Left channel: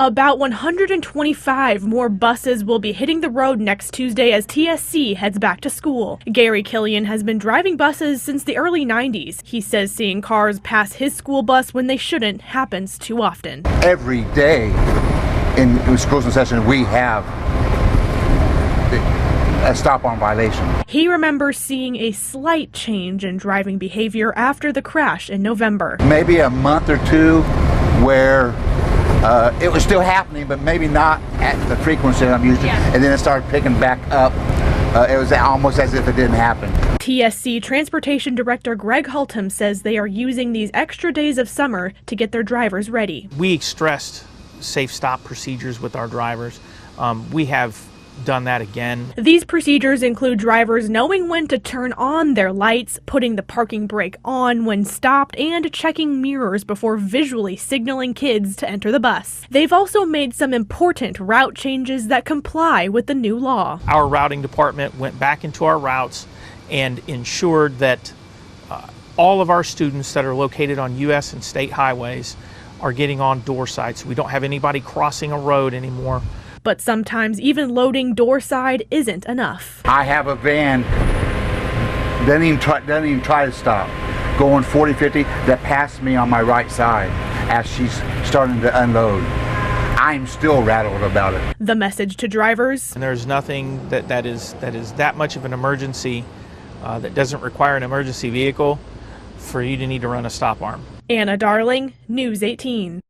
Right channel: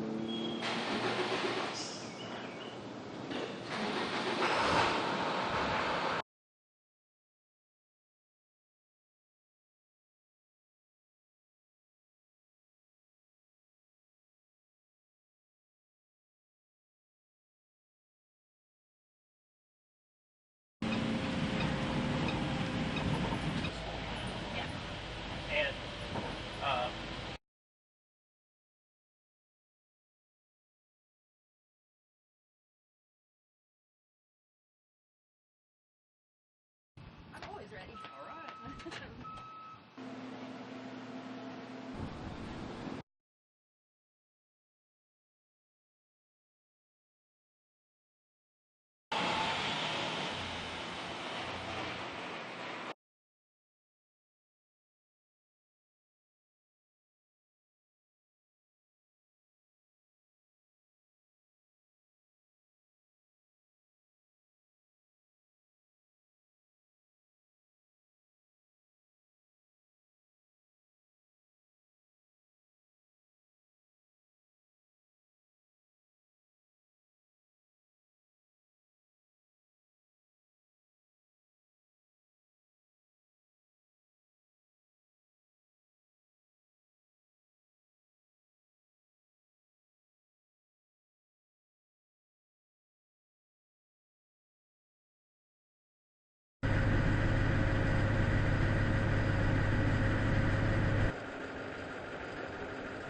About 125 more buses will be hitting the road next Tuesday as TSC heads back to school. Gary Killian has been driving buses since the early 90s. He says seeing cars pass his school bus when they shouldn't happens too often. Every day in school session we have a stop-arm violation. He remembers seeing a slight change in driving behavior after the crash in November. Maybe a month or two where it was still happening, but maybe not at the frequency I'm used to. Yeah. And then it started picking back up. It was almost as if it didn't happen. TSC Transportation Director Greg Hultham says they are using these extra days of summer to get their drivers ready. We stressed safe stop procedures with our drivers. We have done that again. These procedures include drivers knowing when to turn on their lights, putting the parking brake on when stopped, and checking mirrors before visually signaling kids to enter the bus. They've also made some important route changes that comply with the new law. Our routing department went back into our routes and ensured that all of our students that are located on U.S. and state highways are getting on door sites. We don't have anybody crossing a road anymore. But sometimes even loading door side isn't enough. I have a van, doesn't even try to stop, going 40, 50, that passed me on my right side as she's starting to unload. I'm still rattled about it. The message to drivers: and there's nothing that is that much of an emergency that doesn't require an emergency vehicle for you to need to run a stop arm. Anna Darling, News 18.